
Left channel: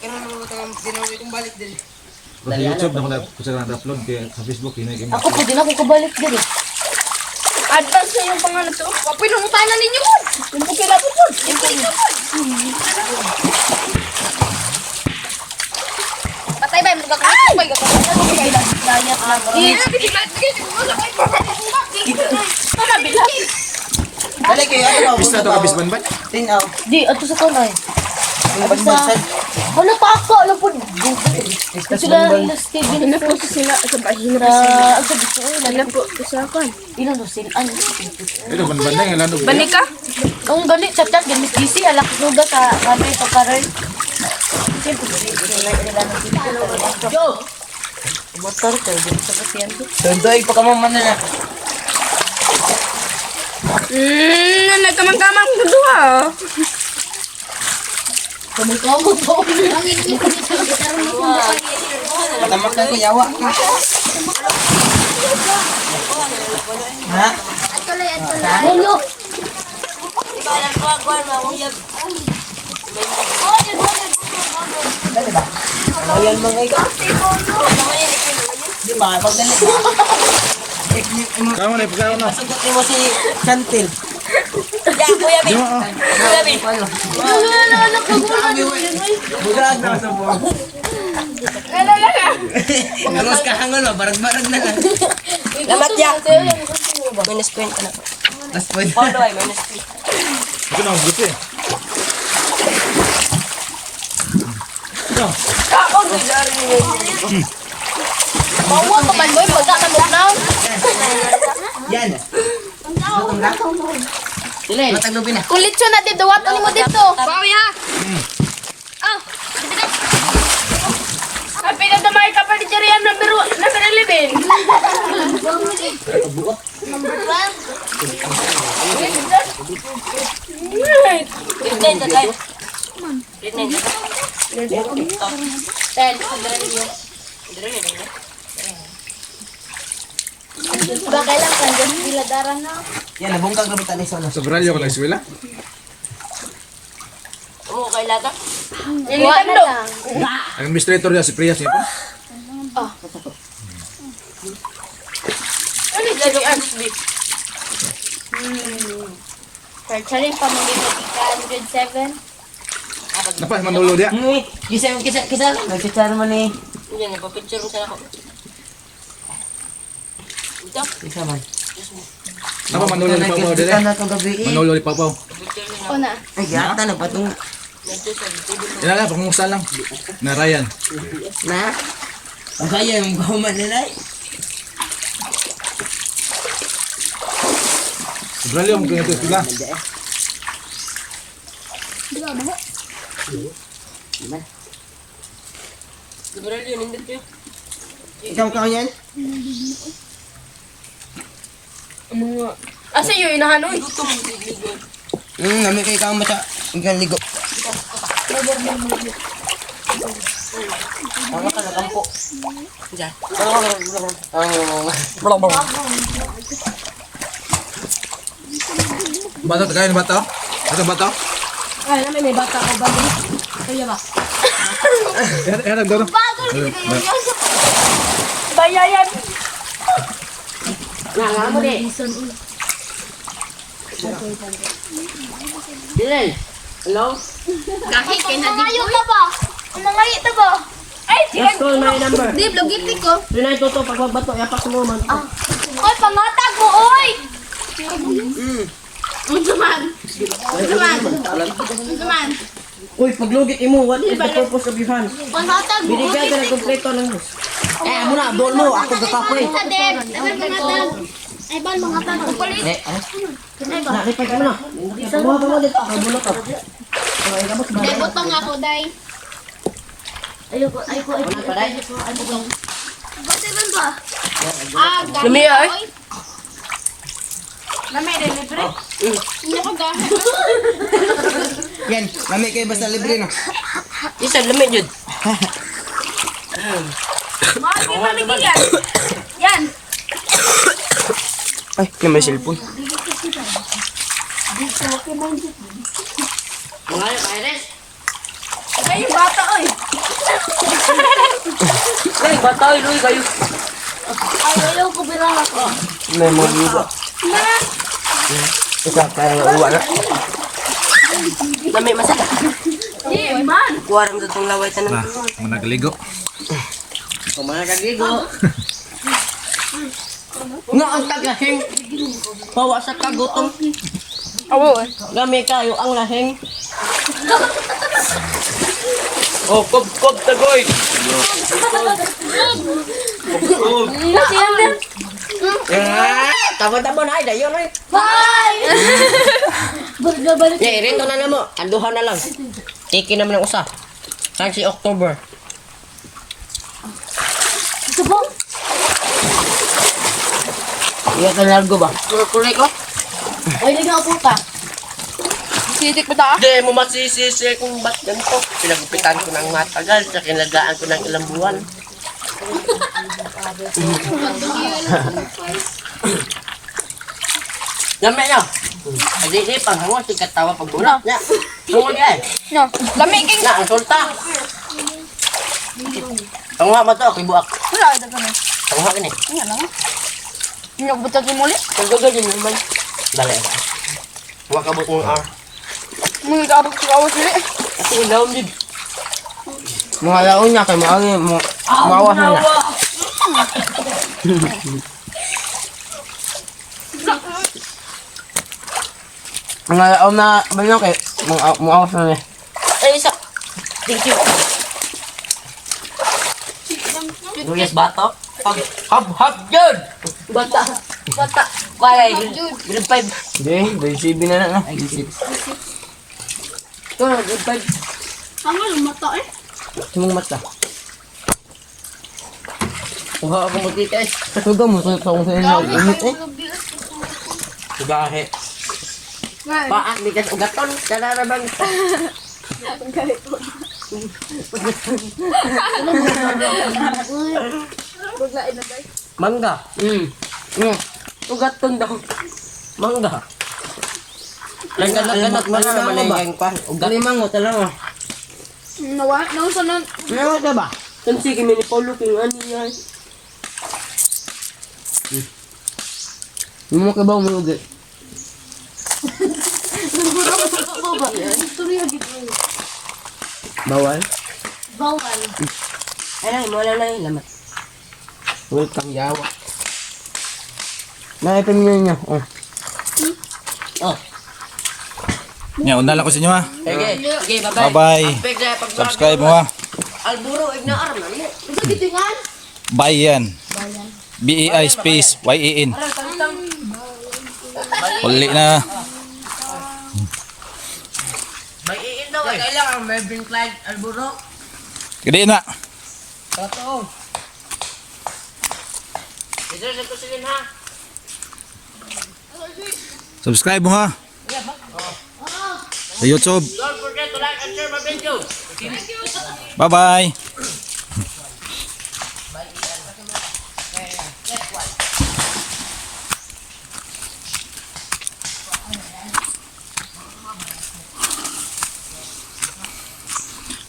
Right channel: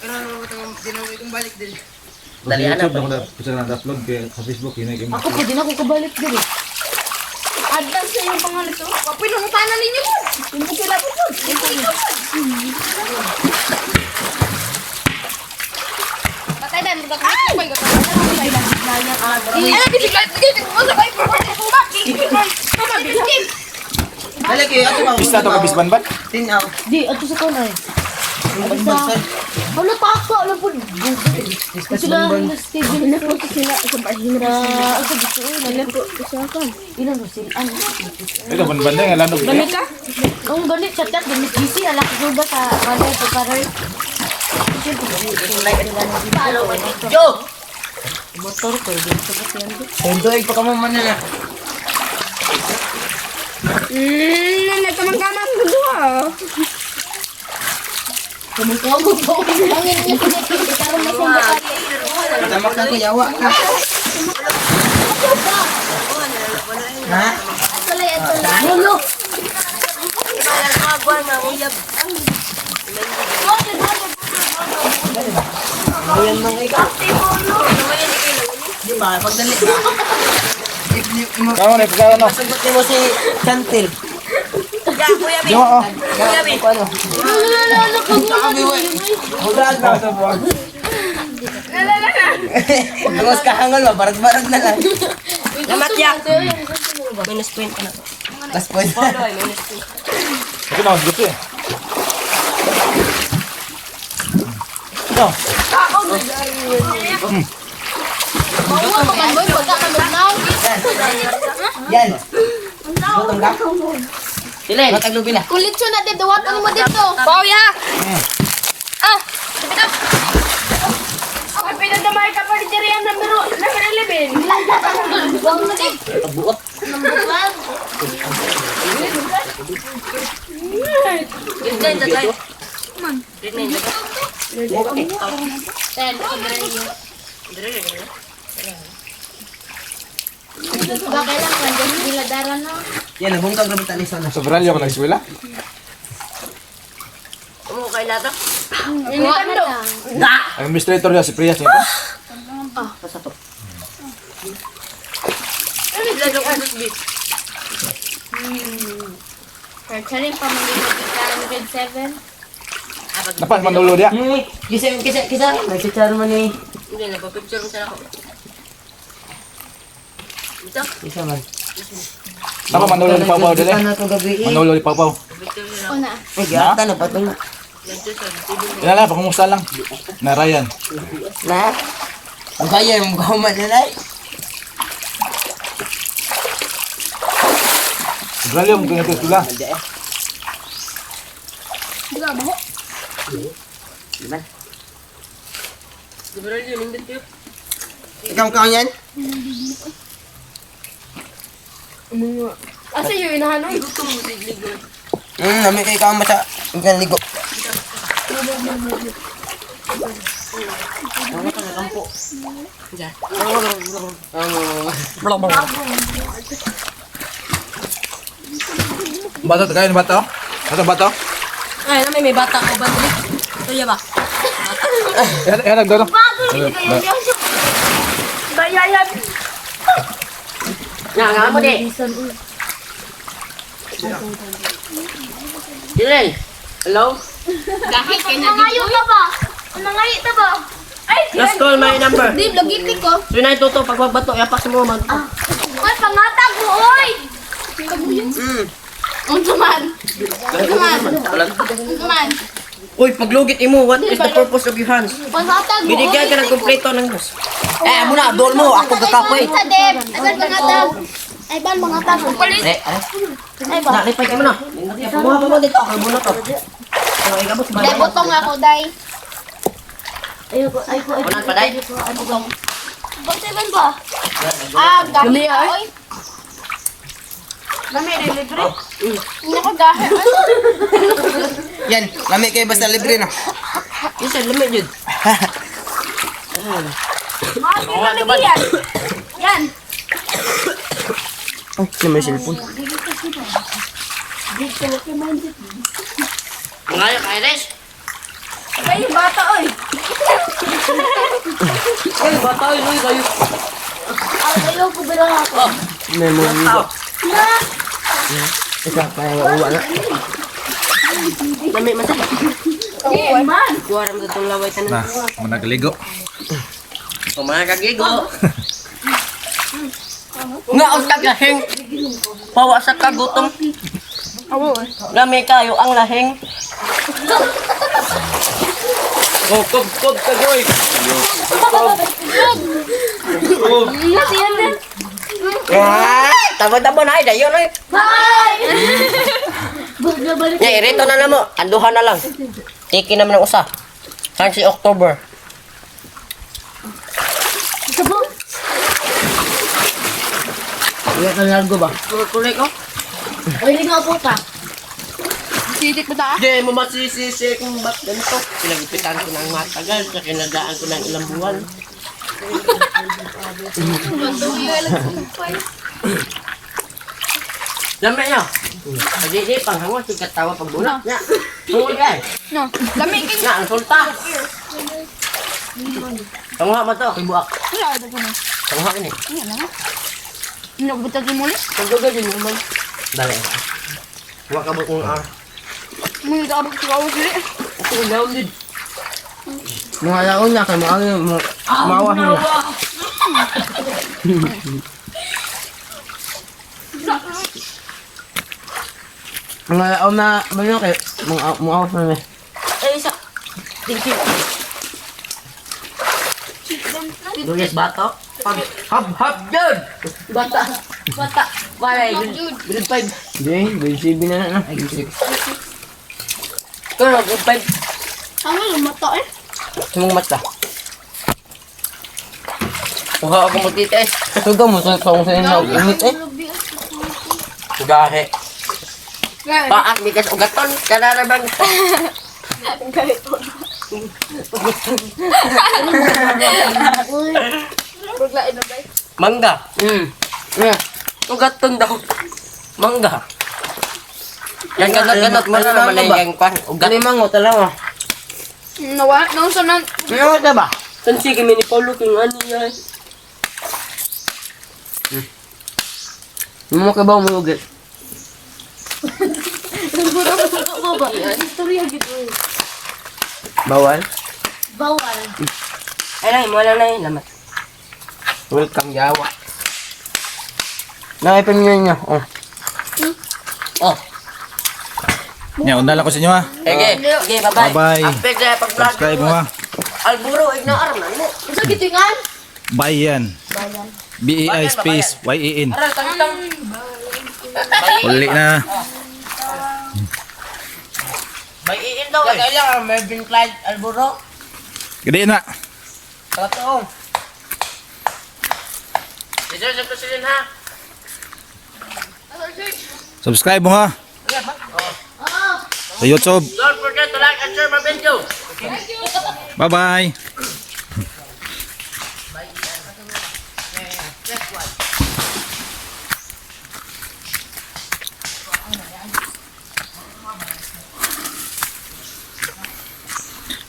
Karoon mo ito ginawa itong balik din. Pero sa YouTube na ko na-upload. Kaya sa Facebook, hinay ako pwede na ako kabalik diri. Advance na yung pangalan to. Pinuntanan ninyo. Yung bukila po po. Patay ba? Magkakamit ko kayo. Alam, pinigay. Dali kayo, ano ba? Pista to ka bisban-ban? 10 out. Di ato sa tunay. Yung basbasad. Wala pa ako alam po. Sila na Steven na po sila sa bahira. Ako dito alam po sa kan. Ino no sila ano. Ito, ban-ban na yung lanog kaya. ka? Ang balik chat gamit busy alak juga sa kanay pagkaray. Yo! Motor ko dito sa pasyente. Tundoy pa ka maman na. Nagkamang-kamang dua. Kamu po. Pangin niyo ko dito karon mo sa bakay. Tamak na ko, yawa ka. Ha? Mulo. Ayan mga ikaw. Di ba? Pagdali ka. Tama na, pagkaroon na. Sagot mo si Chantel. Yo, oh. Paano? Huwag na sa buwag. Tungos ka hangal mo, barag-barag na ka. Lamat ya! Minus point ka na. Last point. Ito na, gusto eh. Ito. Yan. Matang ka? Pilin! Matang lubi na. Kulit siya na dito. Watan mo dito. Pauya! Ah! Ang pinagdamay ka pa ni Jeriam na numero 11. Pilin na guys! Pilin na guys! Bagay lang ka. Diyan sila dara na. Yan, nabungkag na bitali sa Sa Bralyo ko nag-eskwela. Umo kay lata? Nintendo. Ang administrator niya, si Prias niya po. Search pa mo grade 7. Napas, manulo niya. Kisa. Nagsichar man eh. Hindi, napapicture mo sana ako. Ito? Kisa man. Napa, manulo ni Pau Pau din Kita eh. na to gabi eh. Manulo ni Pau Pau. Picture sana ako. Una. Ay, gata na pa itong Yan lang, pakumusta lang. Na Ryan. na. Ang kaya yung gaman nila eh. Sa Bralyo, kung ito sila. Sobrang yun, hindi tayo. Ikaw yan? Asa yun, inahanoy? Nami kay kama sa ikan ligo. Bato, kayo ni bato? Bato, bato? Ay, may bata ko ba? Kaya ba? Yan, nagdono. Bayayan. Nga mo di. Jiren. Hello? Kahit mangayo na ba? Mangayo na ba? Ay, Just call my number. Di, logiti ko. Tunay totoo pag magbato, yapak sa mo man. Oy, pangatag mo, oy! Unsaman? Unsaman? Uy, paglugit imo, what is the purpose of your hands? Pangatag mo, oy! Binigyan ka ng kompleto ng boss. Eh, muna, doon mo, ako kakapoy. Sa Deb, nagan pangatag. Ay, ban pangatag mo? Eh, Ay, ba? nakipay ka muna. Buha mo dito, ako muna to. Day, butong ako, day. Wala pa, day. Basta ban ba? Gahi Lumiya, ka, eh. oy. Lami, libre? Hindi ko gahi. Yan, nami kay basta libre na. Isa, lamit yun. Makin na lagi yan. Yan. Ay, may cellphone. Ngayon, Iris. Ay, yung bata, oy. Ay, bata, oy, Luy, kayo. Ayaw ko bilang ako. May ligo. Isa kaya uwa na. Lamit, masal. Di, man. Kuha rin sa itong laway tanan. Na, managaligo. Kung mga kagigo. Nga ang taglahing. Pawa sa kagutom. Lami kayo ang lahing. Oh, kob sa goy. Nasiyan din. Tabo-tabo na ay, dayon ay. Bye! Balik. Eh, rito na na mo. Anduhan na lang. Tiki naman ng usa. Saan si October? Sabo. Wala ka largo ba? Correct ko? Oy, ligaw po ka. Sitik ba ta? Hindi mo masisisi kung ba't ganito. Pinagupitan ko ng matagal sa kinadaan ko ng ilang buwan. Dami niya. Hindi pang hangon si katawa pag bulat niya. Sungod yan. No. Lami, king. Na, ang sulta. Pangwa ba to? Kibuak. Wala, ito ko na. Pangwa ka ni. Hindi ko bata tumuli. Pagdagal din naman. Dali. Pangwa ka bukong R. Mga kaabot ko awas nila. Ito yung daon din. Mga laon niya kay maawas na niya. Mga laon na ba yun kay maawas na niya. Eh, isa. Thank you. Luis Bato. Hab yun! Bata. Wala, grade 5. Hindi, grade 7 na na. Grade 6. Pero, grade 5. Ano lumato eh? Tumong mata. Kuha ako mo tita eh. Ito mo sa kung sa inyo. Limit eh. Gahe. Paak, bigas ugaton. Kanarabang. Uy. Mangga. Ugaton daw. Mangga. Yan ganot mo na naman ay yung pan. Ugat. Gani mango talawa. Nawa, nauso na. Ano ka ba? Kan sige ni Paulo kung ano niya. Mo ka ba umugit? Baba. Istorya gitu. Bawal. Bawal. Ay, mo na na lamat. Welcome Jawa. Nakipamilya niya. Oh. Oh. Yan, undala ko sa inyo ha. Okay. Okay, bye-bye. Bye-bye. Aspek na pag Subscribe mo ha. Alburo, ignaar man mo. Isa gitingan? Bye yan. B-E-I space Y-E-N. Aral, tantang. Uli na. May iin daw. Kailangan Melvin Clyde Alburo. Gede na. Totoo. Ito sa pasilin ha. Subscribe mo ha. Sa YouTube. Don't forget to like and share my video. Bye-bye.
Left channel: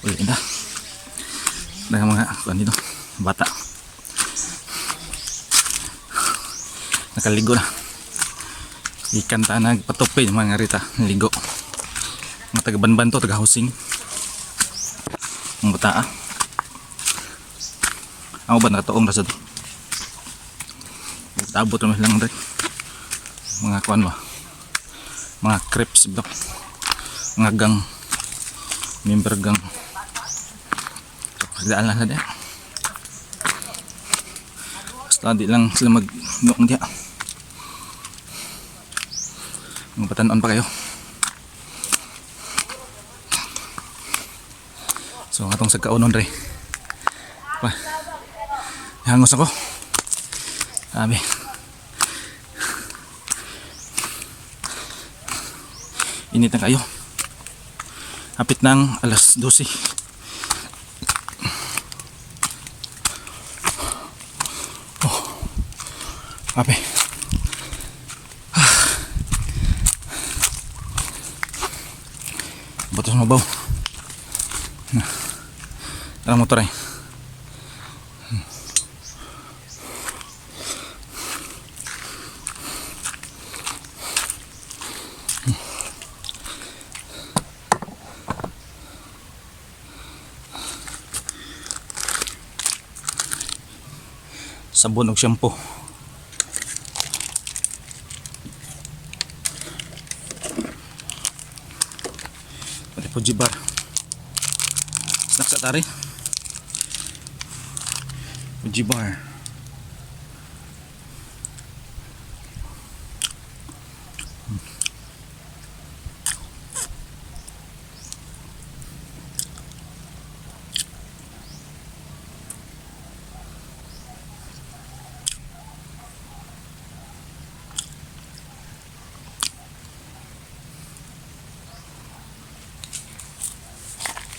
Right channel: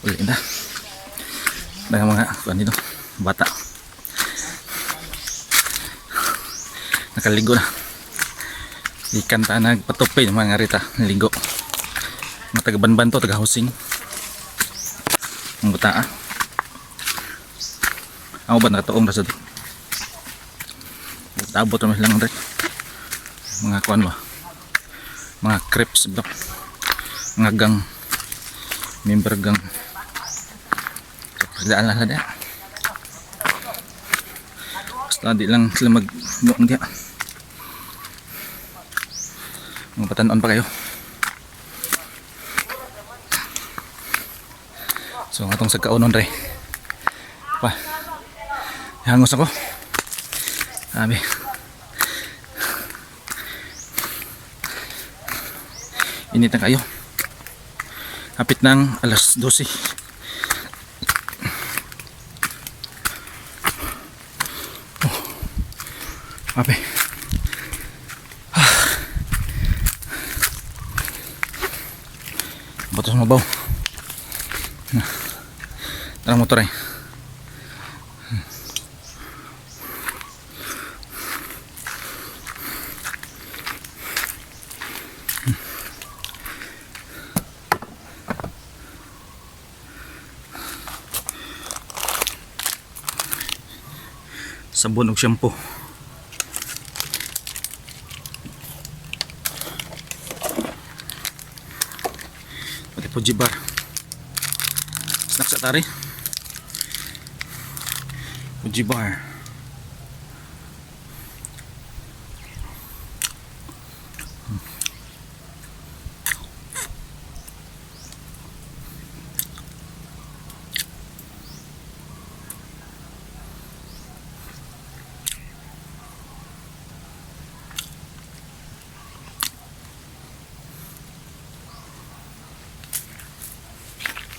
Uli na. Dengan mga kuan dito, bata. Nakaligo na. Ikan ta nagpatupi yung mga rita, naligo. Mga taga-banban to, taga-housing. Ang bata ah. Ako ba nakataong rasa to? Tabot naman lang rin. Mga kuan ba? Mga crepes ba? Mga gang. Member gang. Pagdaan lang dia. Basta di lang sila mag-nuang dia. Mga patanon pa kayo. So atong sa kaunon re. Pa. Hangos ako. Sabi. Init na kayo. Hapit ng alas 12. Oh. Ape. Batos mabaw. Tara motor ay. Sabon ug shampoo. Pati po jibar. Snack sa tari. Fuji bar.